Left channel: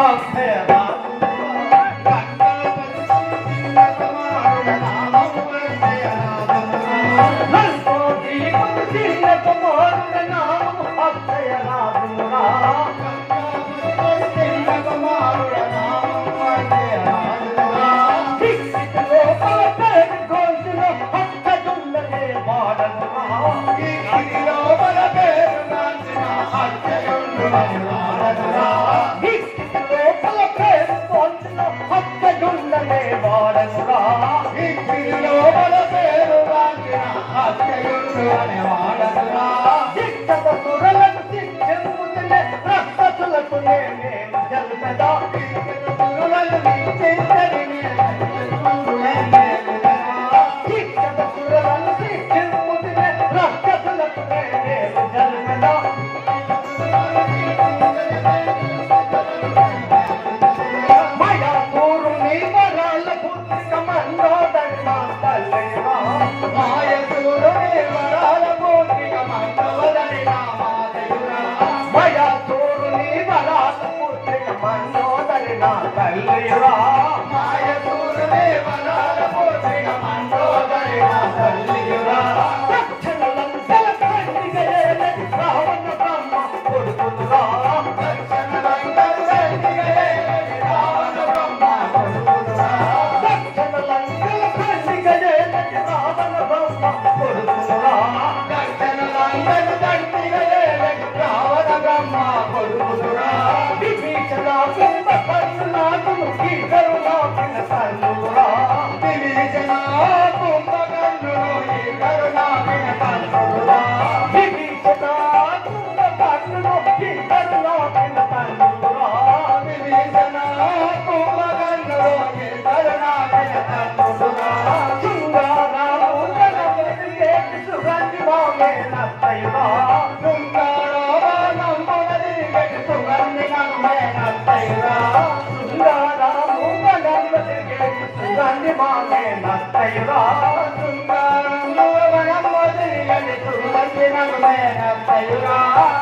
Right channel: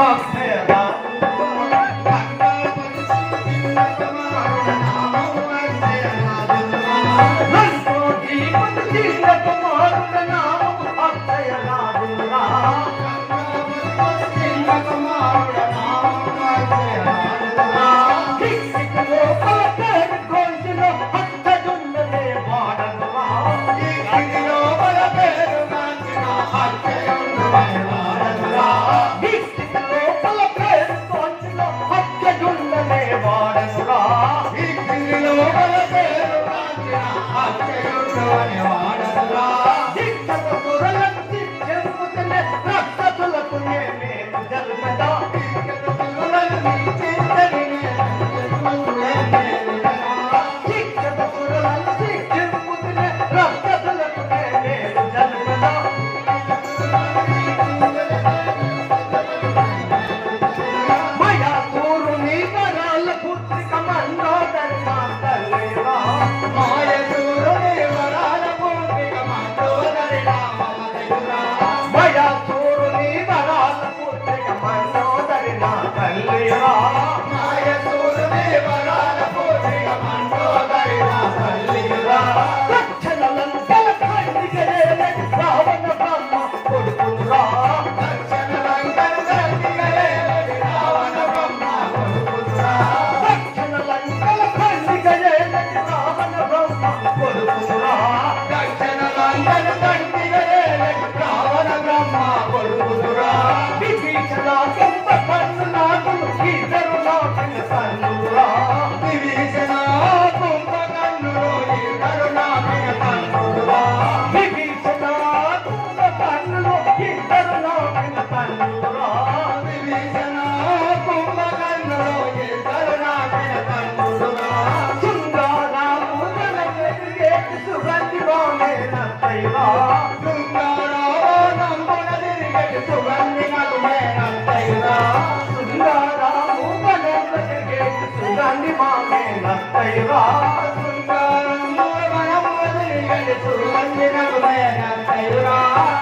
of దిక్కురా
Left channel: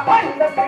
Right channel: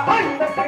పండుగ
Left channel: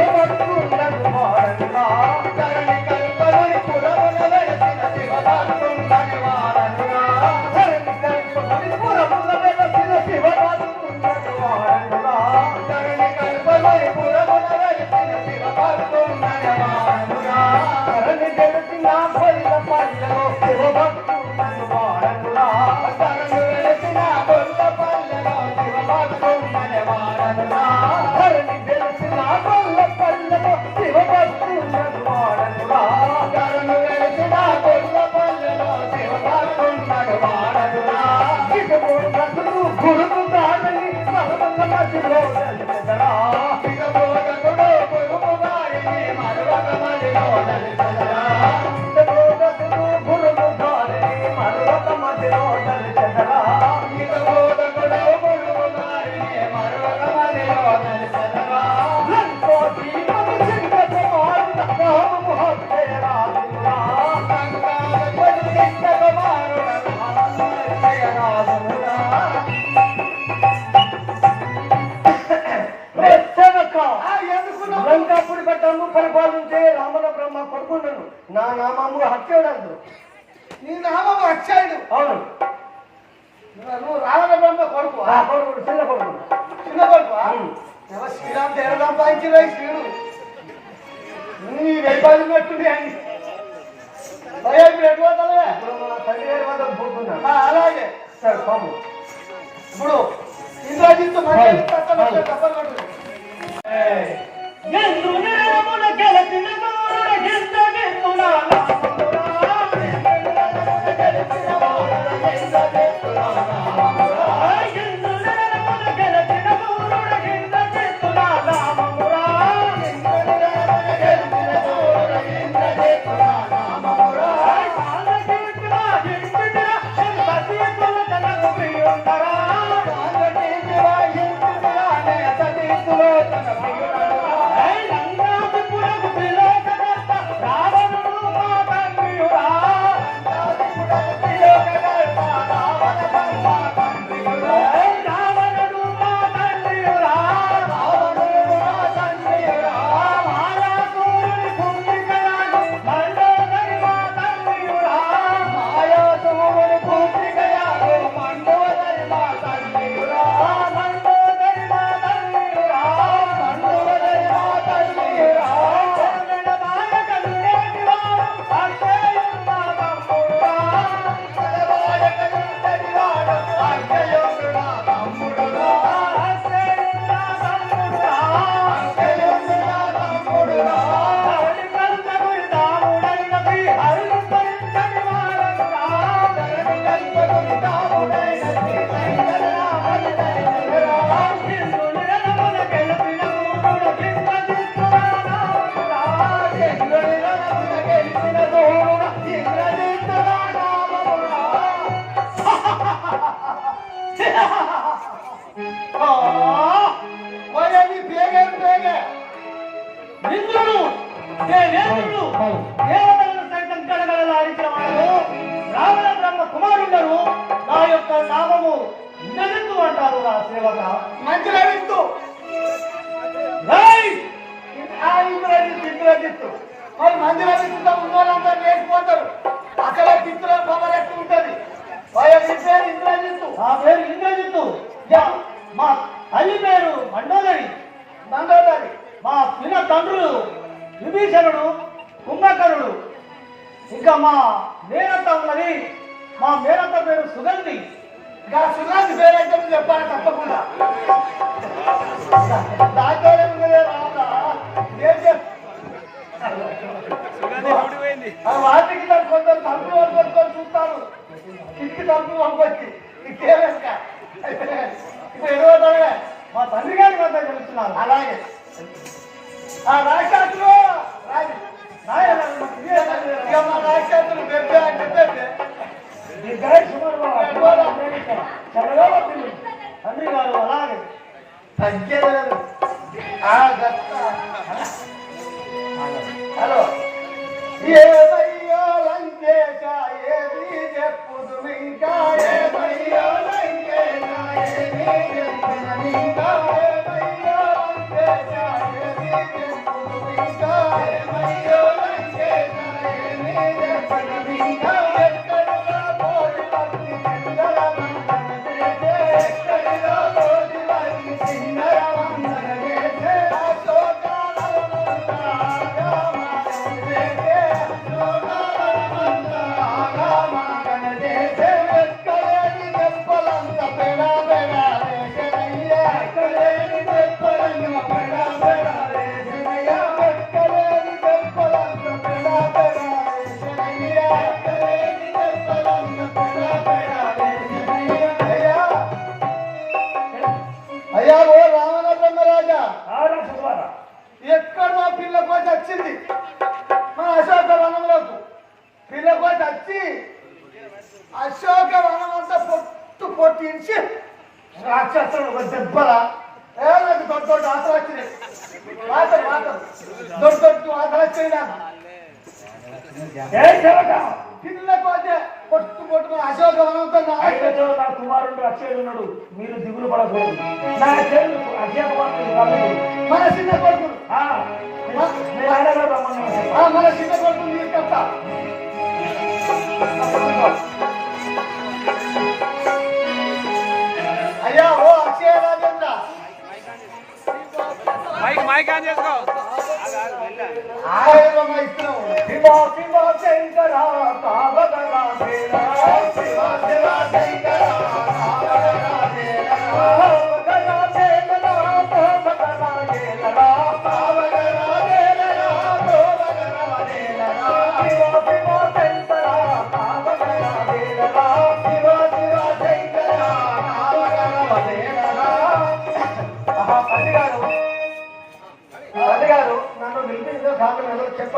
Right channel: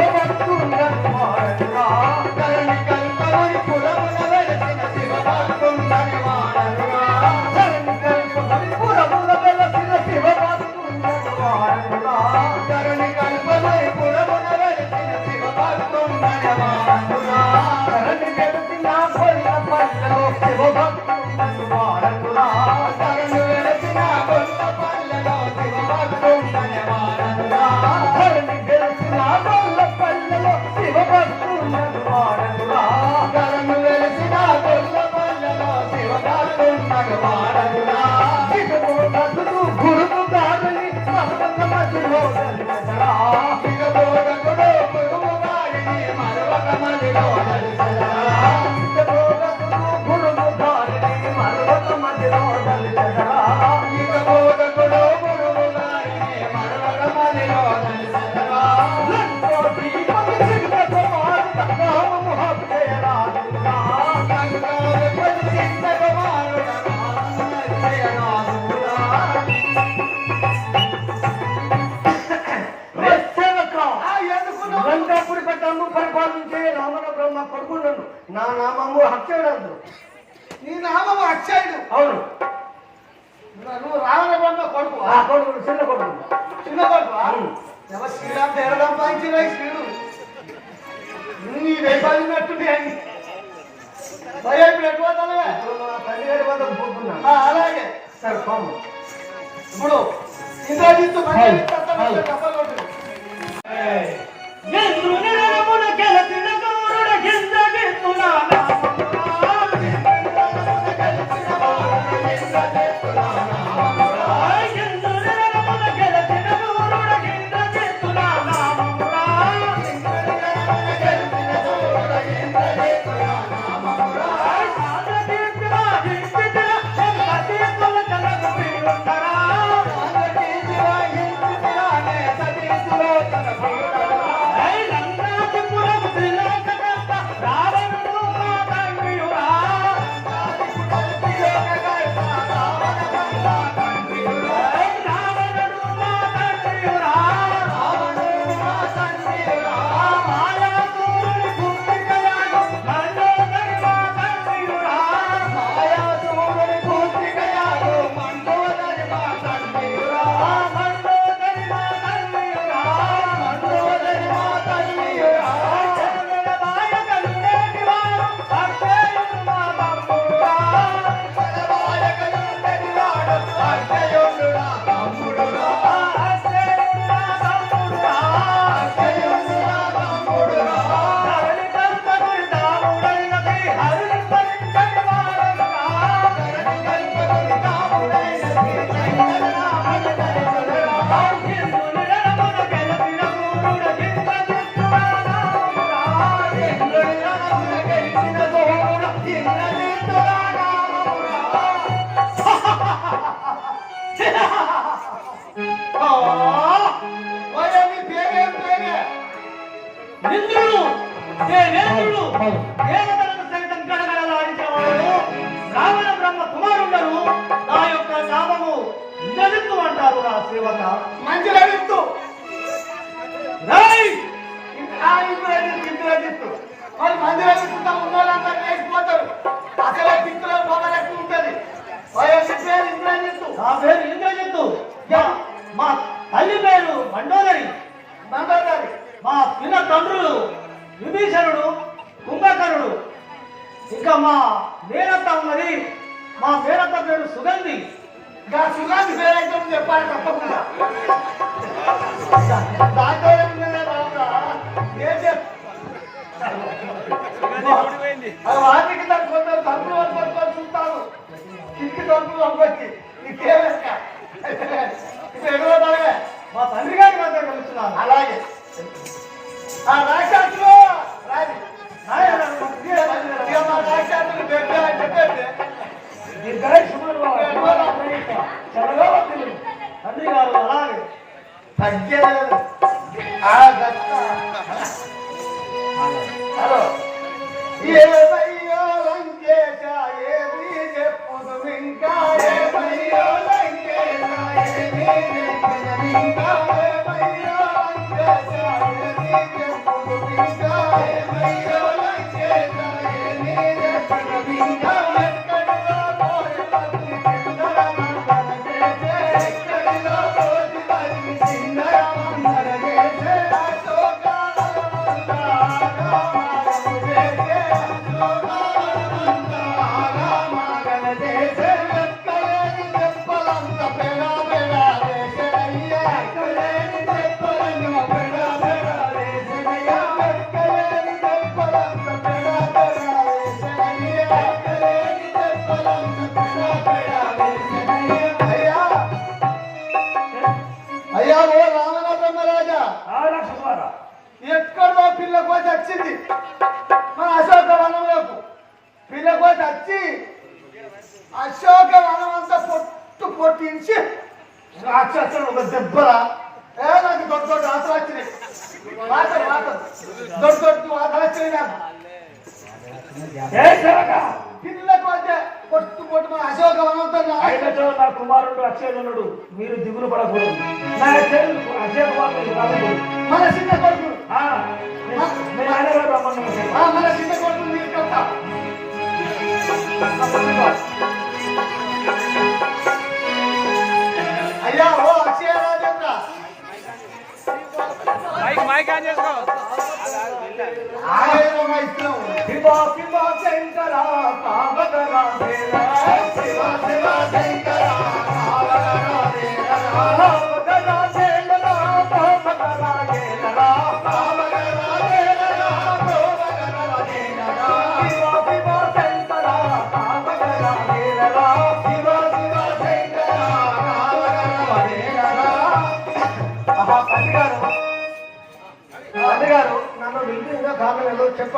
పరిపాలించే రామణ బ్రహ్మ కొడుకున్నాడు నా నామము హత్యడు నీ నామం అక్షయుడు. అవును. నువ్వు రావణ బ్రహ్మ కొడుకు కొడుకు చిన్న కొడుకు. చిన్న కొడుకు శ్రీరామ్ పేరు సంపాదించిన శ్రీడు నీ వెయ్యి అని భయం ఎక్కువగా ఇప్పుడు మా పదిహేడు వందలు పోతున్నా అలాగే. సరే కాము ఇప్పుడు ఇంద్రజిత్ మర్యాద Thank you. ఇవ్వక మంచి రాజిత్తు ఇప్పుడు దిద్దు రాజిత్తు మరి మంది రాజిస్తుందా ఉన్నోళ్ళంతా వేసిపోతారు అసలు దిత్తుల పవర్ ఎక్కువ ఉంటుంది. వాళ్ళు చెప్పారు మన సిద్ధపడుతుంది కథ. అయ్యా ఓ Akshaya Rajanna. Mike mike on చేసుకో. ఆయన ఇస్తాం శివ శివ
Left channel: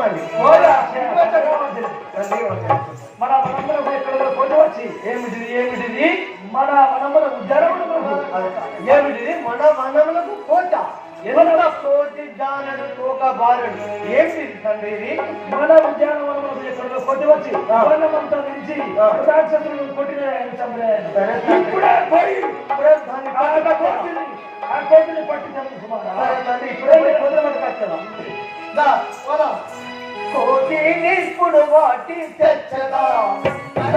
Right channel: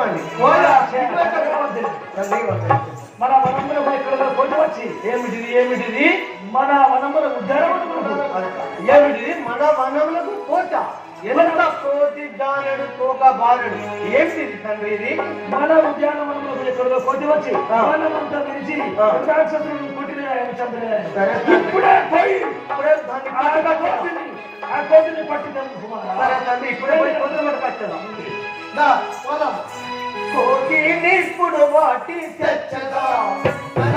చెప్పండి. మన మనములకు ఎక్కడ పొందవచ్చు ఏమిటిది ఏమిటిది? మన మనములకు ధరములకు ఏమిటిది? మన మనములకు కోట ఎంత కోటి తోక బారుడు ఏంటిది తండ్రి మన ఉద్యానవనంలో ఎక్కడో కొద్ది వచ్చి కొట్టిన ఇప్పుడే కోటి నిస్పుడు వాటి చచ్చగా తన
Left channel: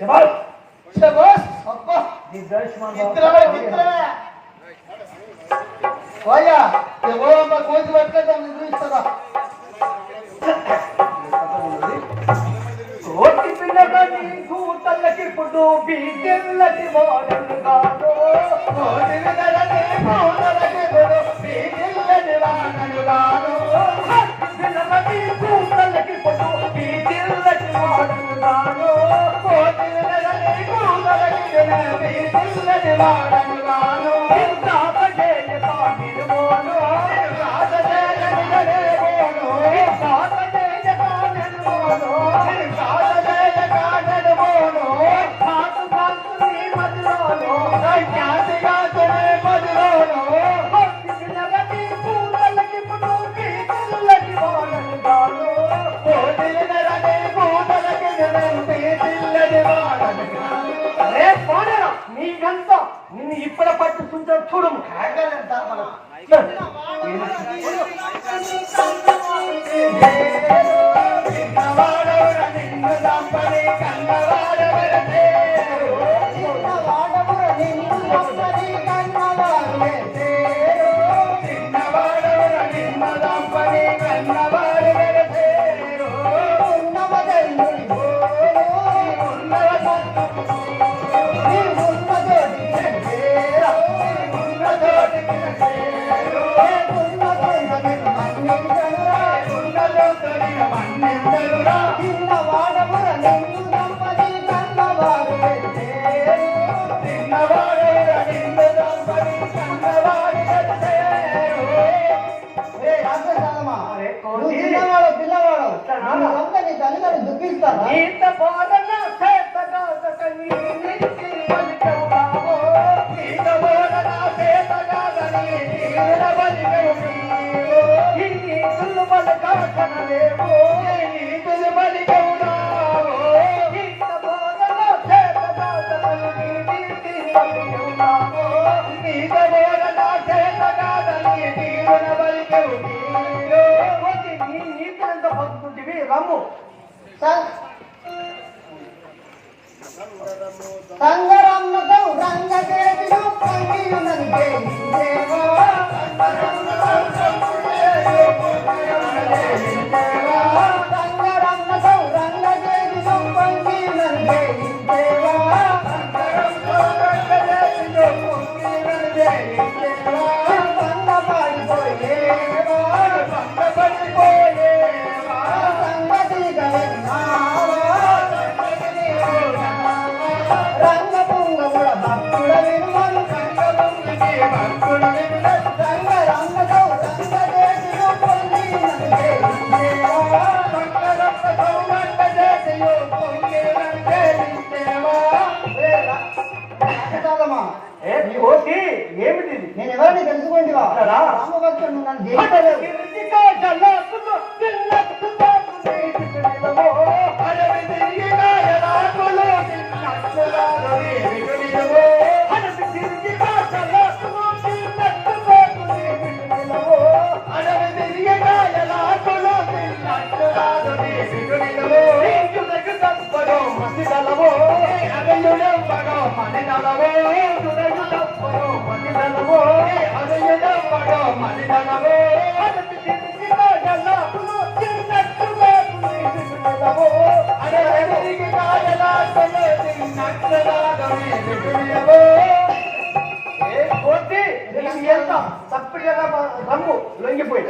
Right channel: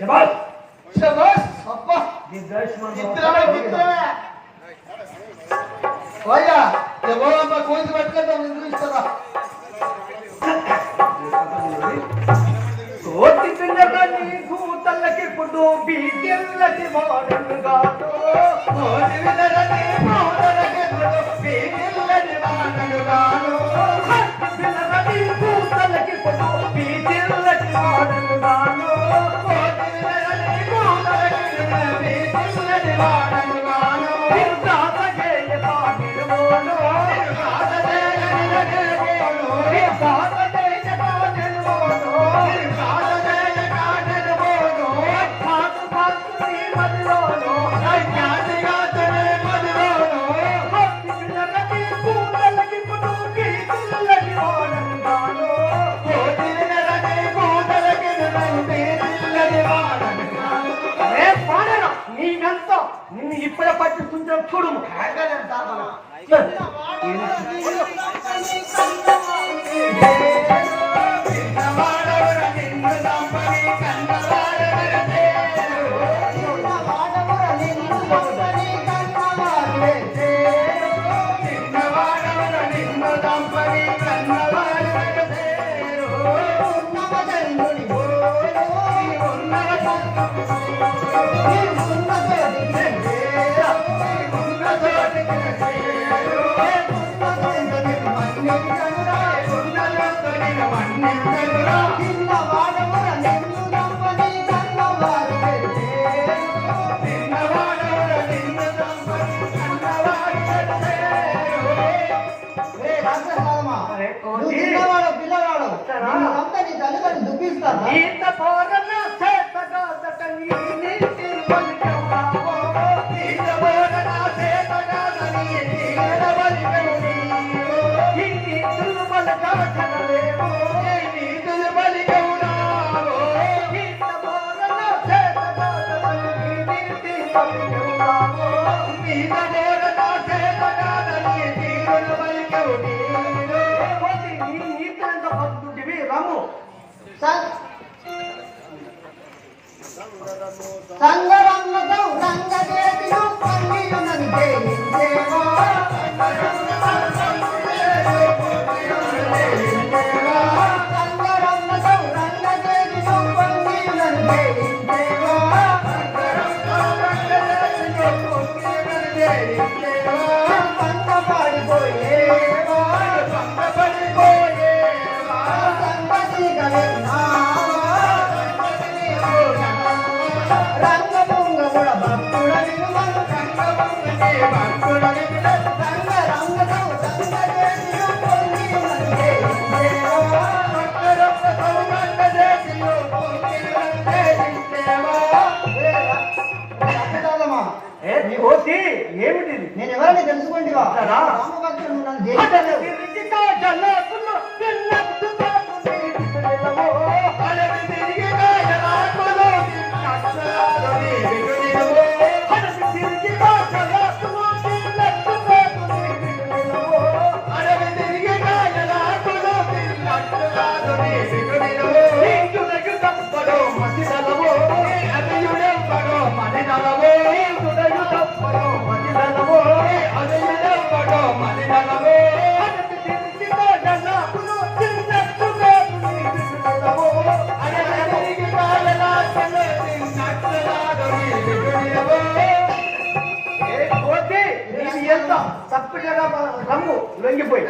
తండ్రి नको रंग रंग नको रंग ఏమిటి నేను ఎవరిని తెలుసుకోండి రా. రామభక్తుడు నన్ను లొంగిపోయి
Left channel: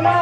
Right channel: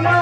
என்ன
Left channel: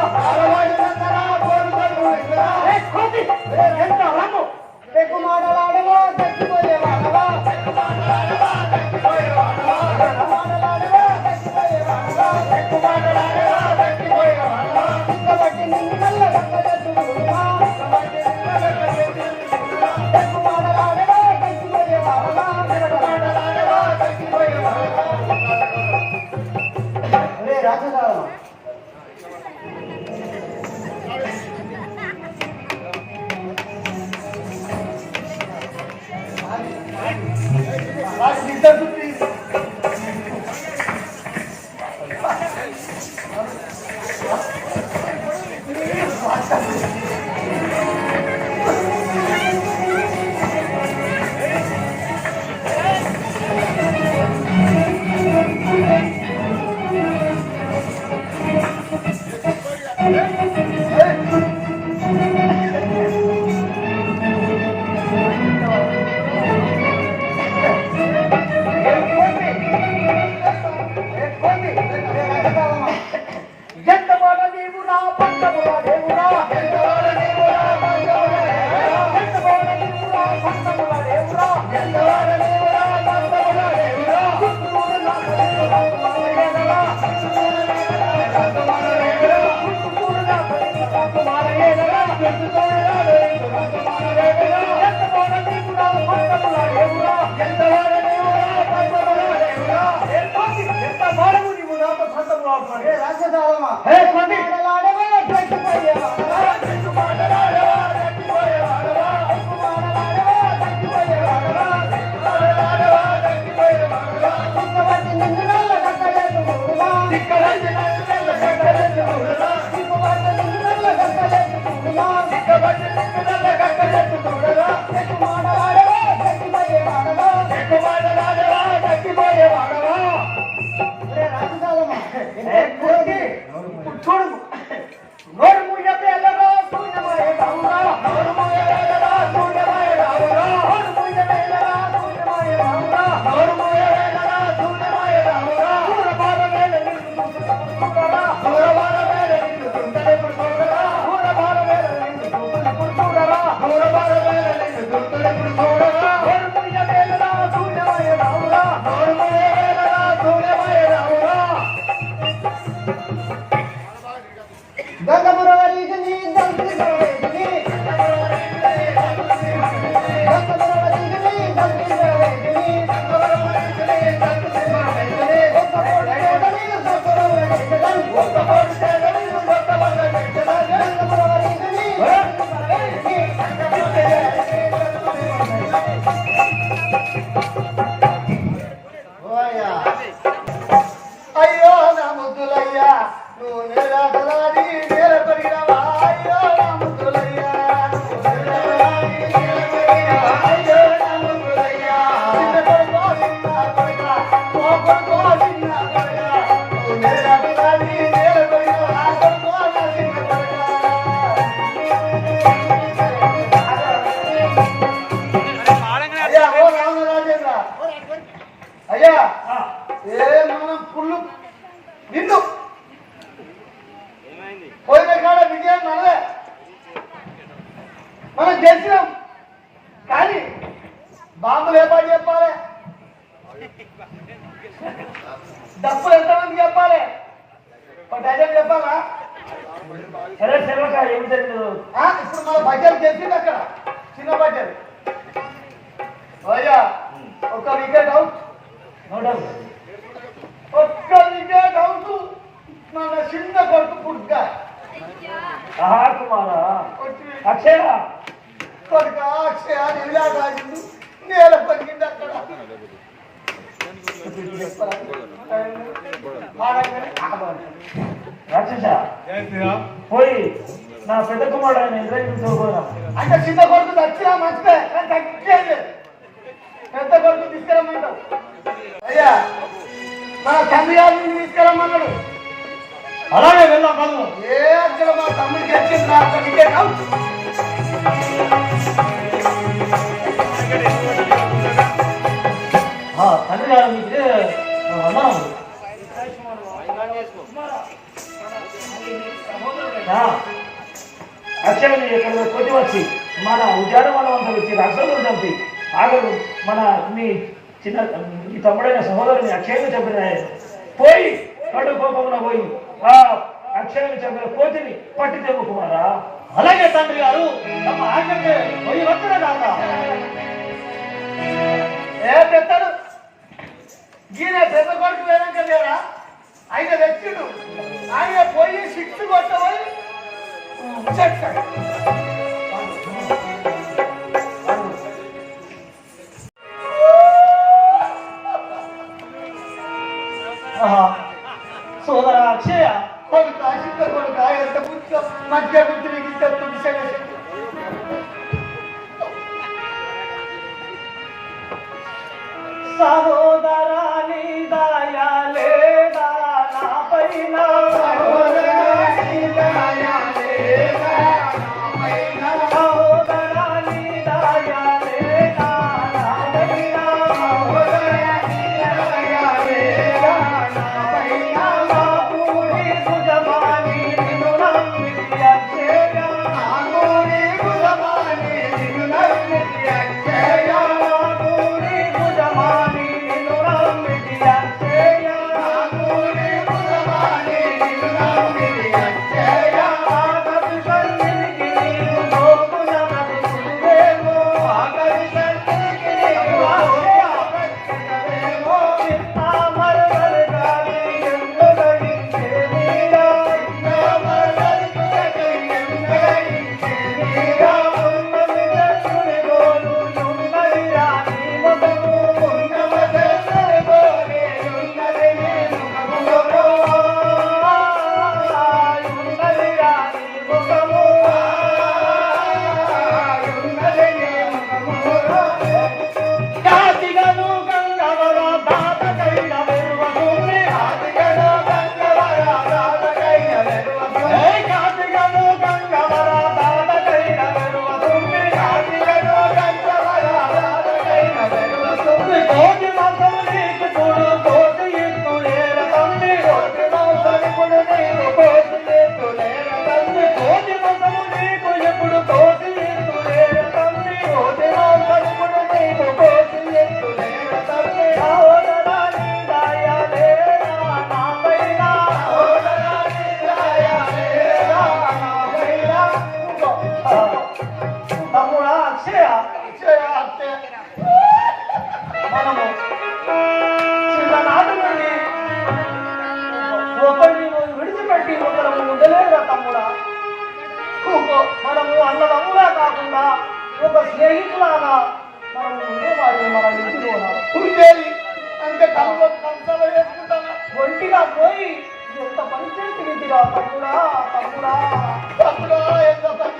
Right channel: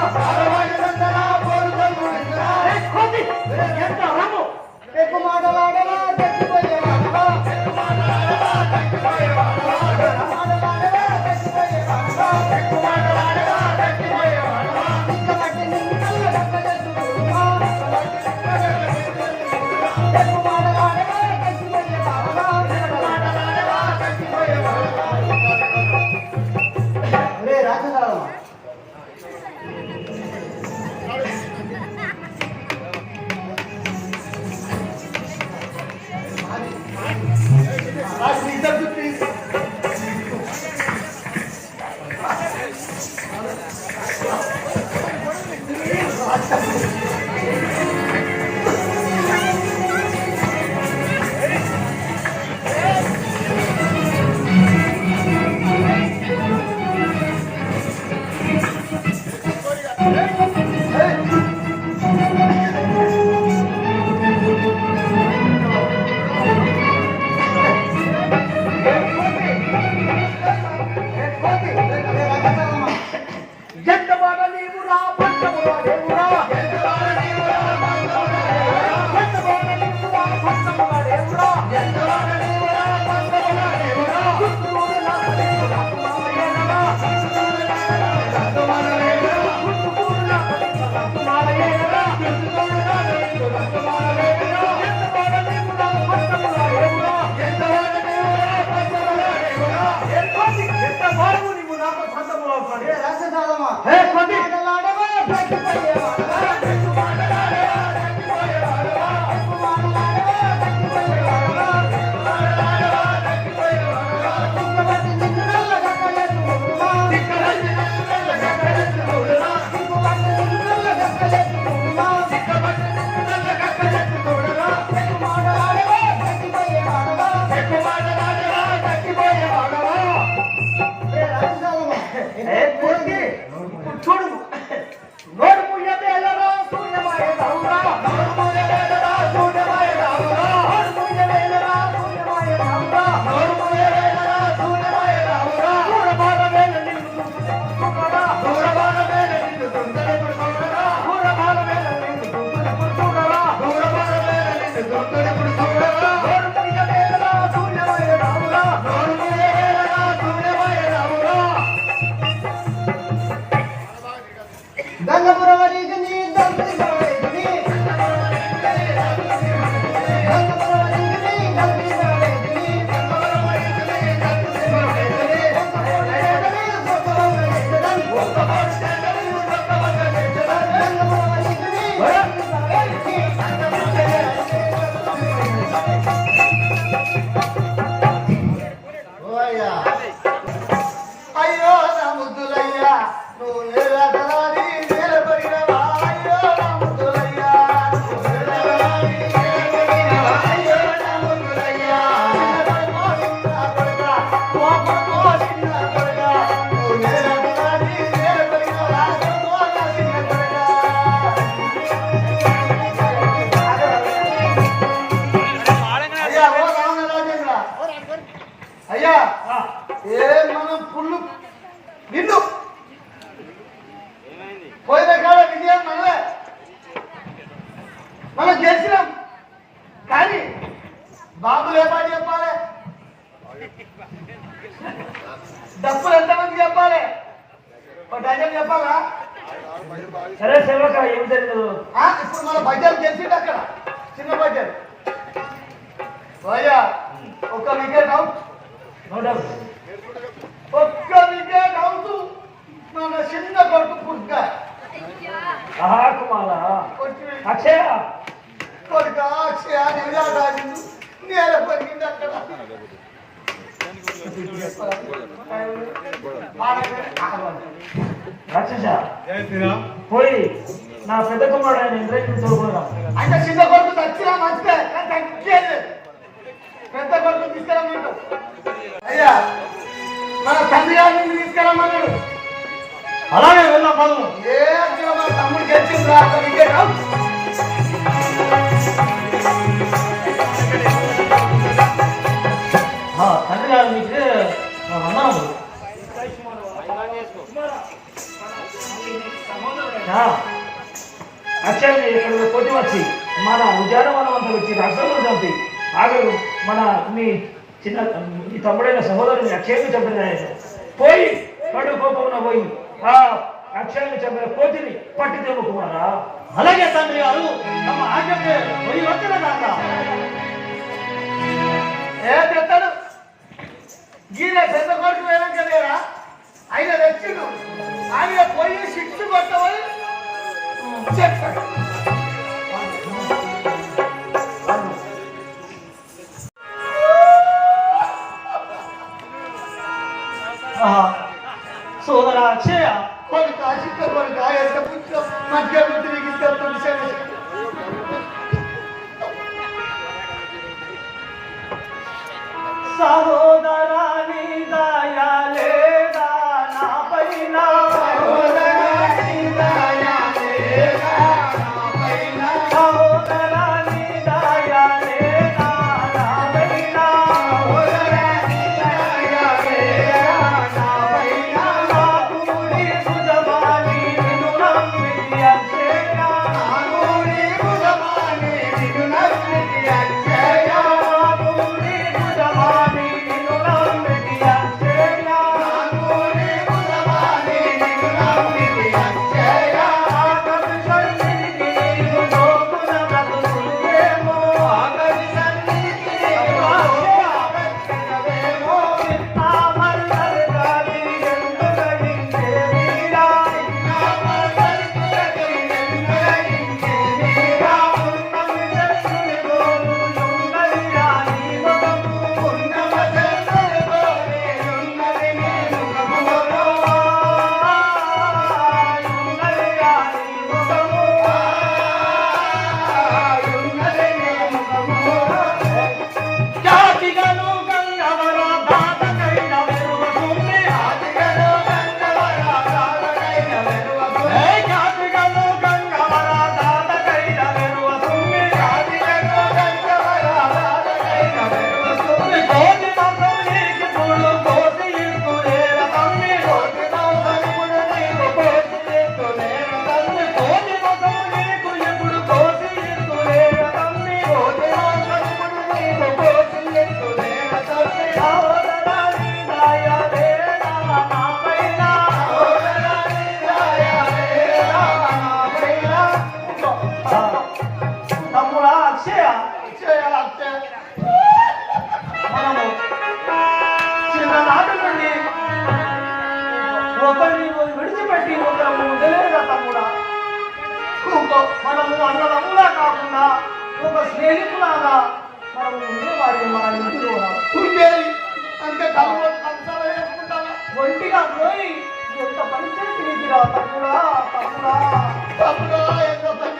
పోయి నా పెద్ద కుమారుడు ఆయన చూసుకోరా అంటే చిన్న కొడుకు నచ్చినా మంచిదే కానీ తగ్గేది పెద్ద కొడుకు తీసుకురమ్మన్నాడు అయ్యా మన తండ్రి గారిని తీసుకురమ్మన్నాడు అలాగే వెళ్దాం పదము ఏ అక్కడ మన తమ్ముడికి వచ్చింది రా ఒక్క అక్షయని ఇక్కడ కొట్టి వచ్చి మన ఉద్యానవనం వచ్చి రాష్ట్రంలో చంపి ఆగరు మన మీ చిన్న మీ తమ్ముడైన సహోదరుని అక్షయాన్ని చంపిన పోయి పడు కోపమున పోయి ఆ అక్షయాన్ని చంపిన కోతిని పట్టుదేము కుమారా. అలాగే తండ్రి గారు తమ ఆజ్ఞకే పోయి వచ్చిన కాక ఏ తెస్తాడు గీన పెద్ద కొడుకు వెనక లేరా? ఆయన తెచ్చిడు ఆయన 千秋さん。ఇప్పటికీ ఒకరు ఉండలేదా తమ్ముడా మనము అన్నదమ్ములా కాకుండా ఒక స్నేహితులాగా మనం ఉండేవారు మన ఇంట్లో ఉండేది అంతే కలువ కంచాలు వేసుకుంటానా ఒంటిగా పోయి ఎంత పని చేసిరా తమ్ముడా తమ్ముడా తప్పులో ఎంత పని